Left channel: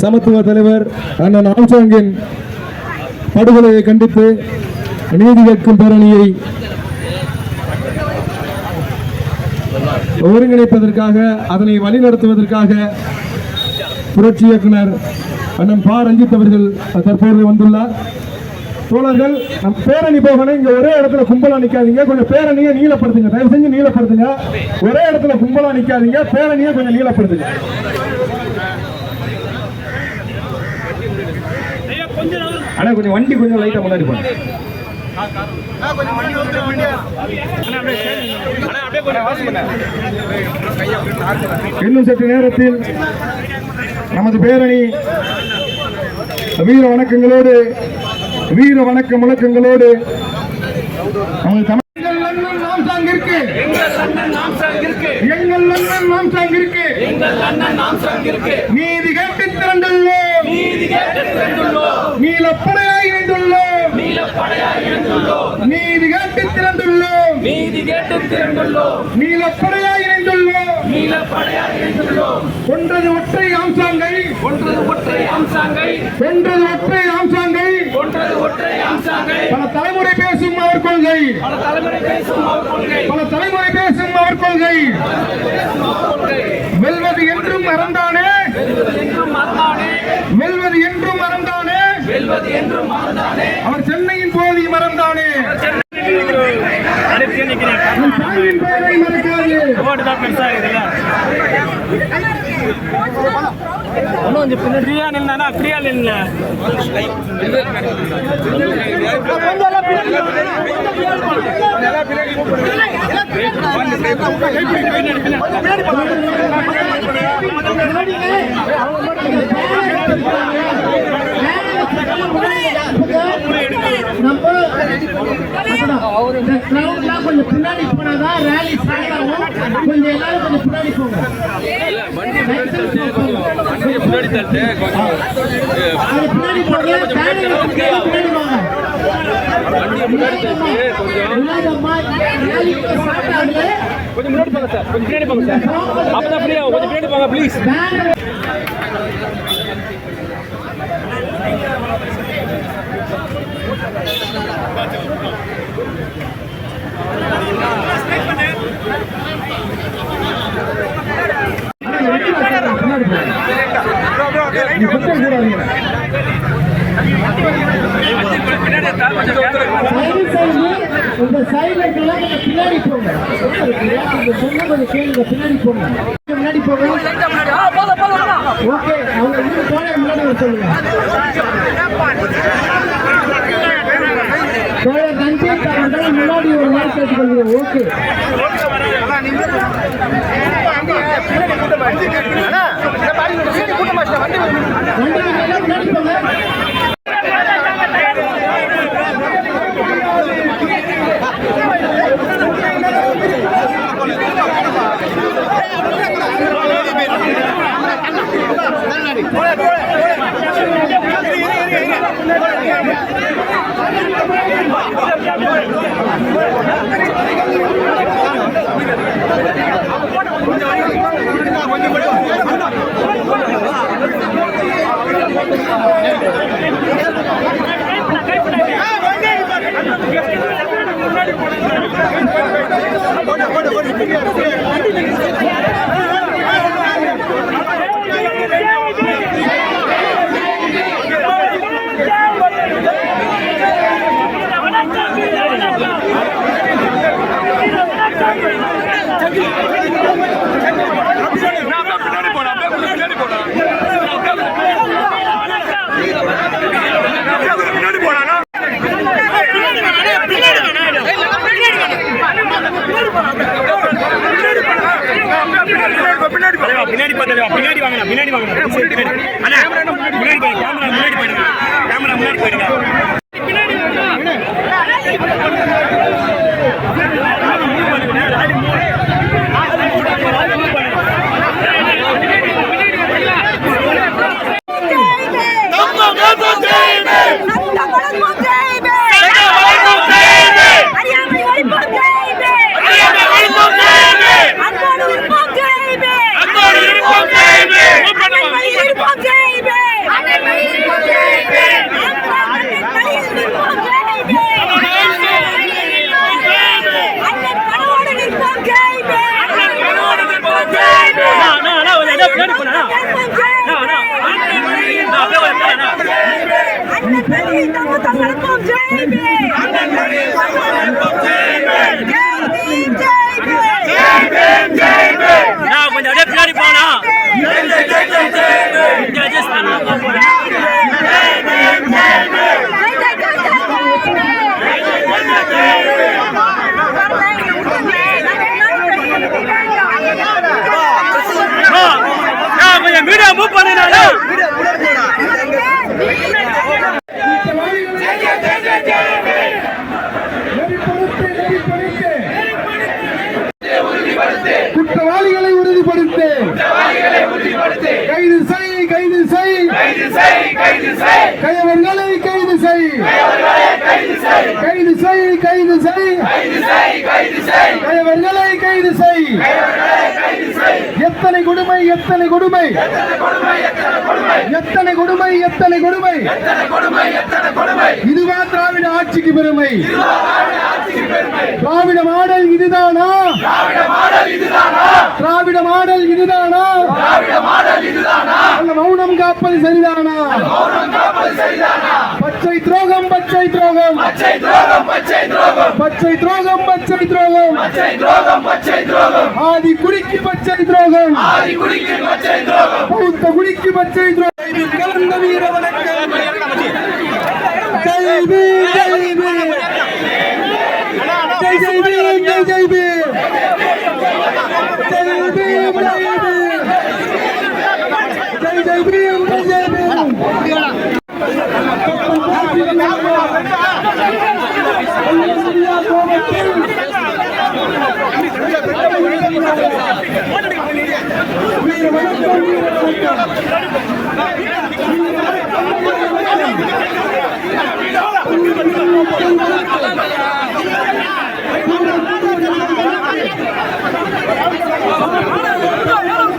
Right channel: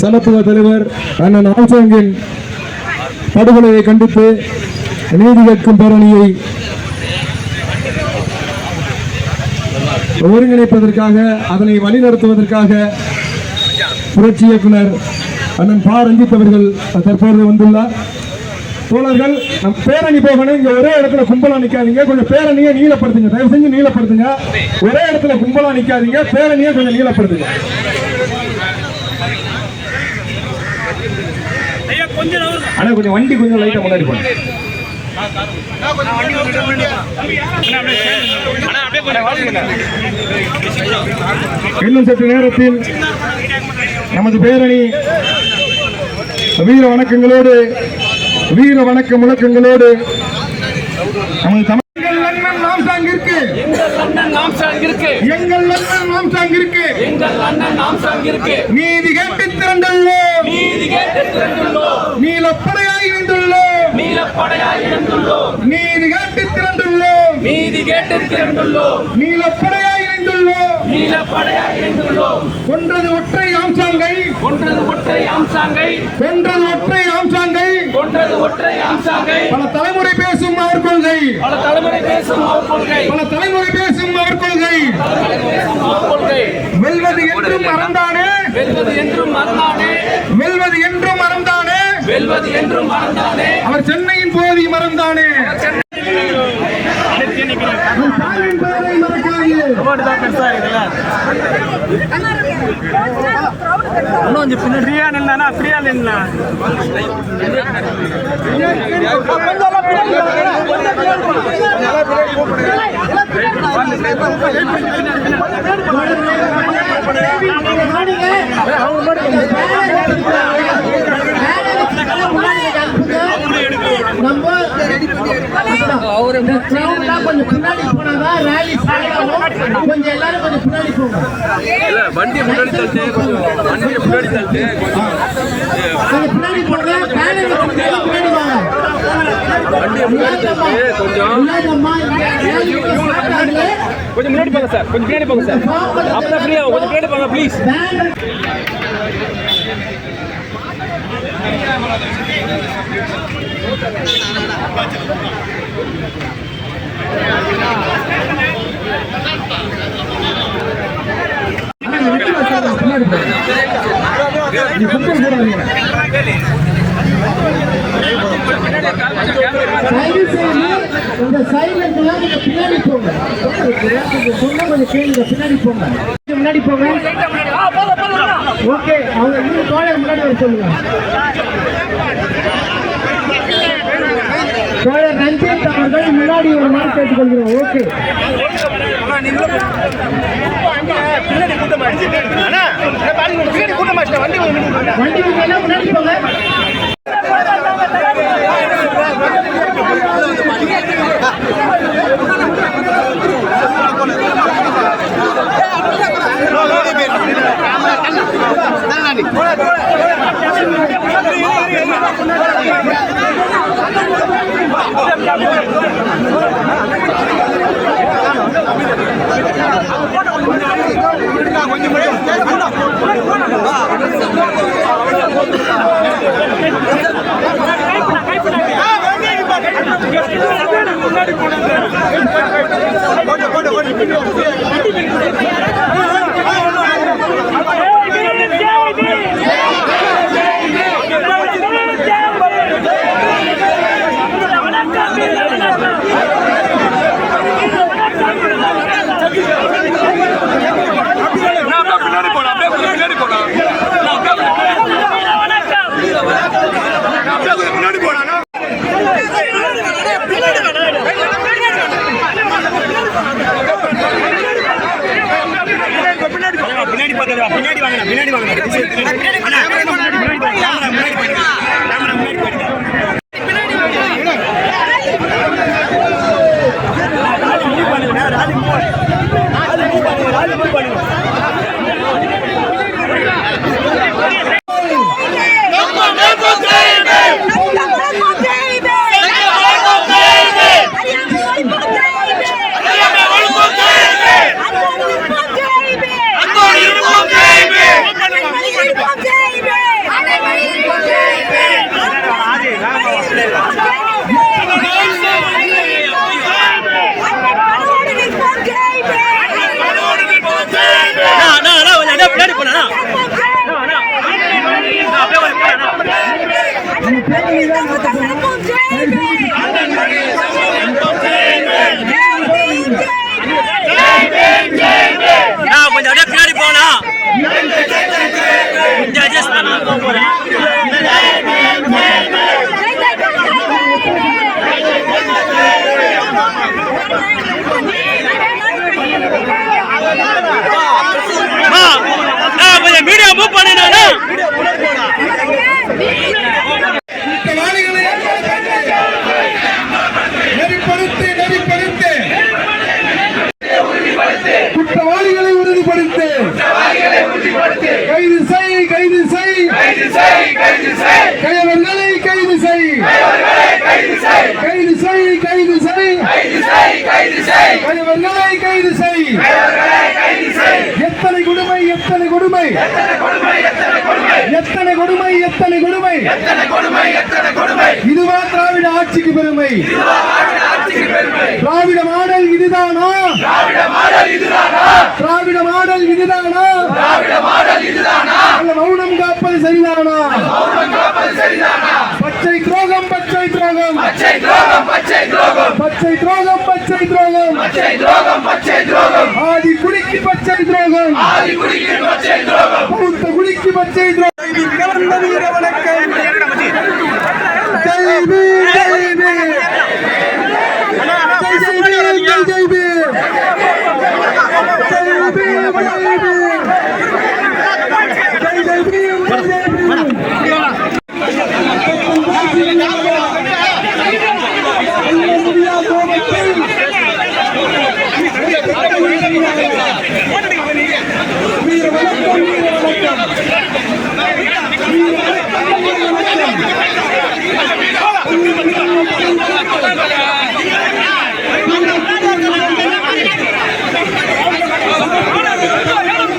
சமத்துவ தலைவர் அண்ணன் ஆம்சாங்கின் படுகொலையை கண்டித்து நீதி கேட்கும் பேரணியை ஒருங்கிணைப்பதற்காக அதனை வழிநடத்துவதற்காக புரட்சி இயக்குனர் அண்ணன் பா. ரஞ்சித் அவர்கள் தற்போது வந்துள்ளார். தோழர்கள் நம் பேரணி போகணும். இங்க ஒரே இடத்துல கும்பலா நிக்காதீங்க. கொஞ்சம் பேரணியை நீளப்படுத்துங்க. தயவு செஞ்சு நீளப்படுத்துங்க. ஒரே இடத்துல கும்பலா நிக்காதீங்க. பேரணியை கொஞ்சம் நீளப்படுத்துங்க. அண்ணா கொஞ்சம் வண்டி கொஞ்சம் லைட்டா முன்னாடி போங்க. இன்னும் சற்று நேரத்தில் நமது பேரணி வீர வணக்கங்களோடு வீர வணக்க முழக்கங்களோடு நமது எங்கள் அண்ணன் எங்கள் நாம் சார்ந்திருக்கு நீதி கேட்டு திரண்டுள்ளோம். நின்றுள்ளோம். நீலப்படையாய் இணைந்துள்ளோம் நீதி கேட்டு திரண்டுள்ளோம். நீதி கேட்டு திரண்டுள்ளோம். நீலப்படையாய் இணைந்துள்ளோம் கொன்றது ஒற்றை ஆம்சாங்கை ஒன்றது ஒற்றை அம்சாங்கை கொன்றது ஒற்றை ஆம்சாங்கை ஒன்றது ஒற்றை அம்சாங்கை பல தலைமுறை பேசும் அவர் கொள்கை. பல தலைமுறை பேசும் அவர் கொள்கை. பல தலைமுறை பேசும் அவர் கொள்கை. வெல்வது என்றும் மறந்தானே. வெல்வது என்றும் மறந்தானே. வெல்வது என்றும் மறந்தானே. வெல்வது என்றும் மறந்தானே. அவர் சென்னையின் போதி மறக்காதே இன்னும் கொஞ்சம் ஃப்ரீயா நின்னா ஃப்ரீயா நின்னா பின்னாடி போனாதான் ரேலி ஸ்டார்ட் ஆகும் கொஞ்சம் எல்லாரும் கொஞ்சம் பின்னாடி போங்க வண்டி முன்னாடி தள்ளிட்டு கொஞ்சம் வண்டியை முன்னாடி தள்ளிட்டு கொஞ்சம் பின்னாடி பேனலுக்கு பின்னாடி வண்டியை முன்னாடி தள்ளிட்டு கொஞ்சம். கொஞ்சம் முன்னாடி போங்க சார். கொஞ்சம் பின்னாடி போங்க சார். அப்பதான் ஃப்ரீயா கொஞ்சம் பின்னாடி போங்க ப்ளீஸ் சைடு சைடு இந்த சைடுல இருக்கலாம் நீங்க பின்னாடி போங்க பின்னாடி போங்க முன்னாடி போங்க ஓகே அவங்க இன்னும் தோழர் முன்னாடி சொல்லுங்க தோழர் அவர்கள் முன்னாடி ஒரு நாள் கேட்டுக்கொள்கிறோம் ஓகே வண்டி எத்தனை கொடுமை எத்தனை கொடுமை? எத்தனை கொடுமை எத்தனை கொடுமை? இதுவா திராவிட ஆட்சிக்கு பெருமை. திராவிட மாடல் இதுதானா? திராவிட மாடல் இதுதானா? அல்ல மௌனம் காப்பது சரிதானா? பச்சை துரோகம் பச்சை துரோகம். பச்சை துரோகம் பச்சை துரோகம். ஆதி குடிக்கு பச்சை துரோகம். பௌத்த குடிக்கு பச்சை துரோகம் கலந்த வீர வணக்கம் ஜெய் பீம் ஜெய் பீம் ஜெய் ஜெய் பீம் ஜெய் ஜெய் பீம் ஜெய் பீம் ஜெய் பீம் ஜெய் ஜெய் பீம் ஜெய் ஜெய் பீம் இந்தியா கோபத்தில் வீர வணக்கம் வீர வணக்கம்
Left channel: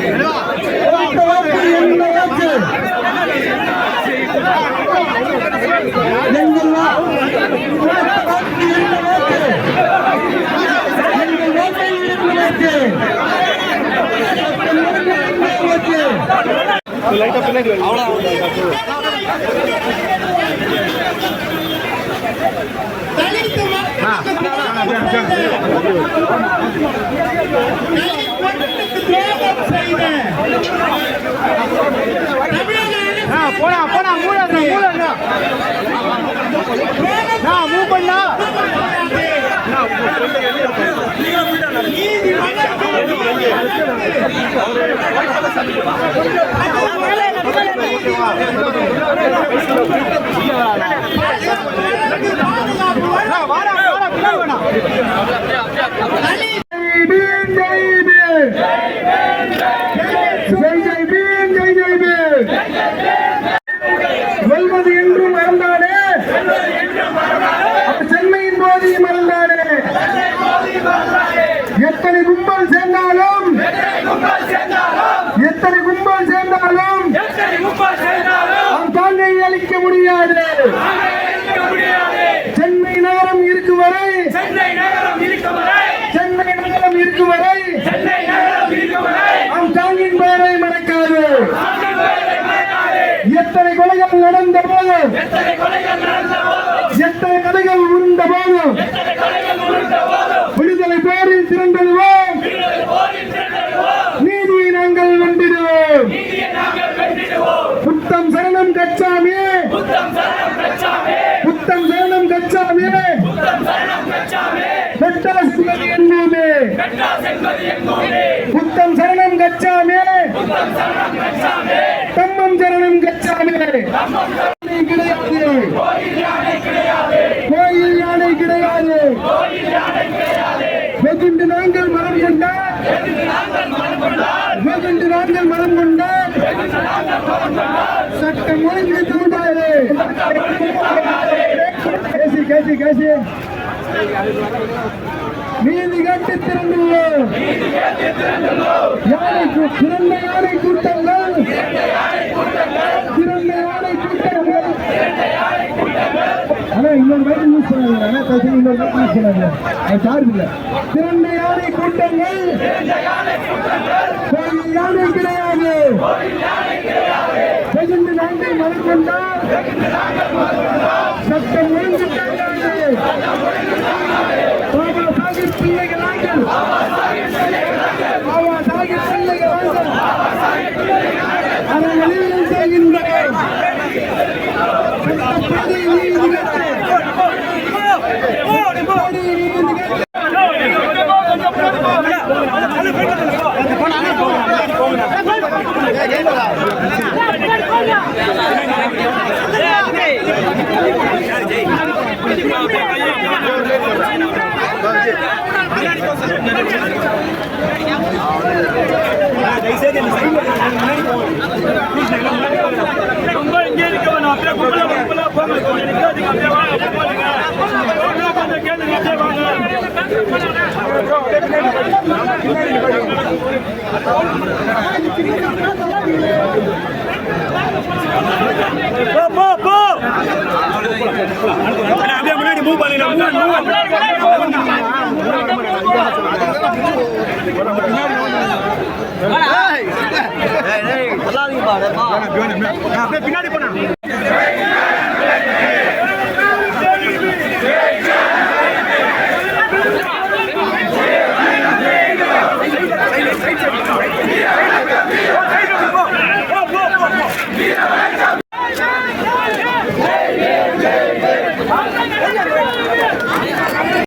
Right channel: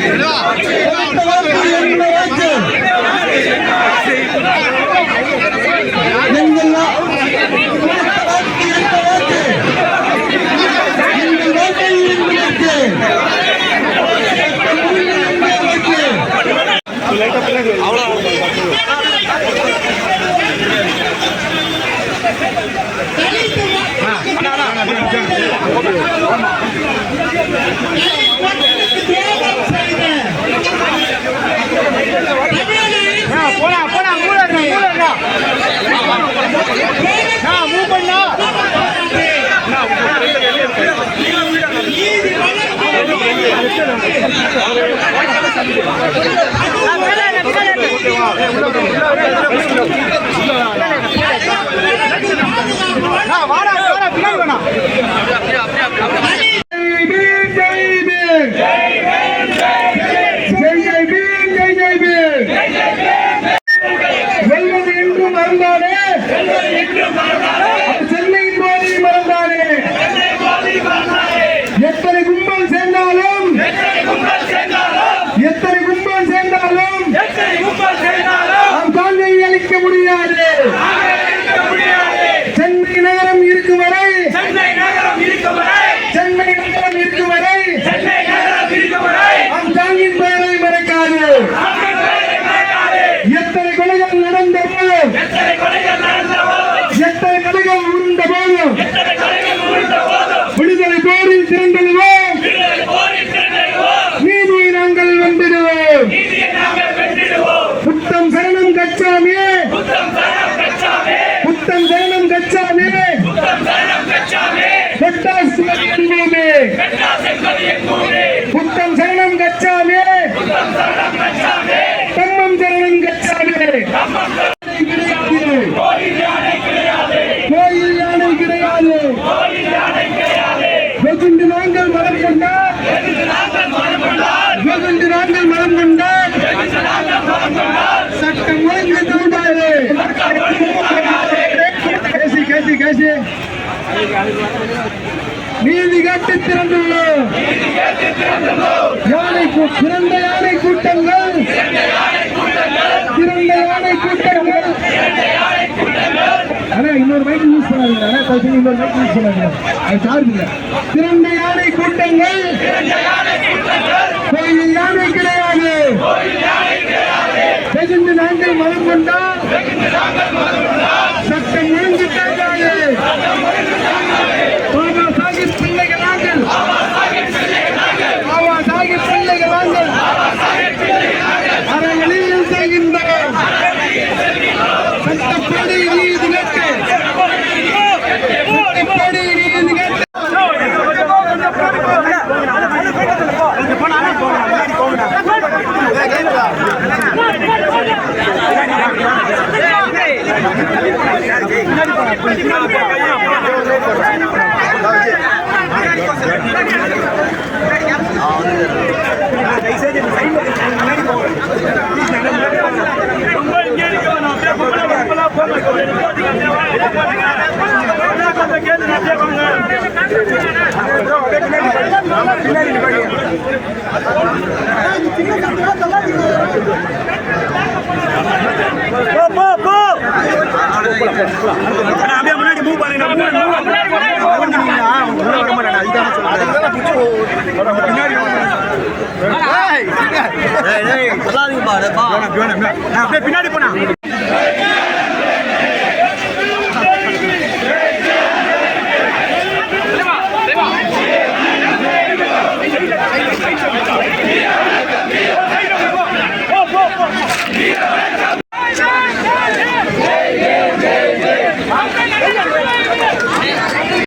பீம் வீர வணக்கம் ஜெய் பீம் ஜெய் பீம் போடா போடா மூடா மூடா மூவ் பண்ணா வாடா வாடா பின்னாடி வேணா ஜெய் ஜெய் பீம் ஜெய் ஜெய் ஜெய் பீம் வெல்வது என்றும் மறந்தானே அது சென்னையின் போதி மறந்தானே எத்தனை கும்பல் சேர்ந்தாலும் எத்தனை கும்பல் சேர்ந்தாலும் அவன் தாங்கை அளிக்க முடியாது சென்னை நகரம் போதும் விடுதலை போரில் திரண்டெழுவோம் நீதியை நாங்கள் வென்றிடுவோம் புத்தம் சரணம் கச்சாமியே புத்தம் சரணம் கச்சாமியே பெட்டாஸ் என்போமே புத்தம் சரணம் கச்சாமே. தம்மம் சரணம் கச்சாமே. கிடையாது கோயில் யானை கிடையாது. வெகுண்டு நாங்கள் மனம் கொண்டார் வெகுண்டு நாங்கள் மனம் கொண்டார் சட்டம் ஒழுங்கு தூண்டாது கேசி கேசி கேசி நீதி கேட்டு திறந்துள்ளோம் யானைக்கு கூ- பிறந்த யானை கூட்டங்கள். பிறந்த யானை கூட்டங்கள். ஆனா இன்னொரு பைக் யூஸ் பண்ணாங்க இன்னொரு பைக் யூஸ் பண்ணாங்க அது யானை கூட்டங்கள் கோயில் யானை கிடையாது வெகுண்டு நாங்கள் மனம் கொண்டால் சட்டம் ஒழுங்கு கிடையாது பாபா சாஹிப் பிள்ளைகள் நாங்கள் பாபா சாஹிப் பிள்ளைகள் நாங்கள் அறங்களில் செய்கின்றோம் சட்டப்படி நீதி கேட்டு சட்டப்படி நீதி கேட்டு தயவுசெய்து இந்த சைடுல கொஞ்சம் முன்னாடி போங்க ப்ளீஸ் நல்லா முன்னாடி போங்க பின்னாடி நிப்பாட்டி. போ போ போ அண்ணா, அப்படியே முன்னாடி மூவ் பண்ணுங்க பின்னாடி போனா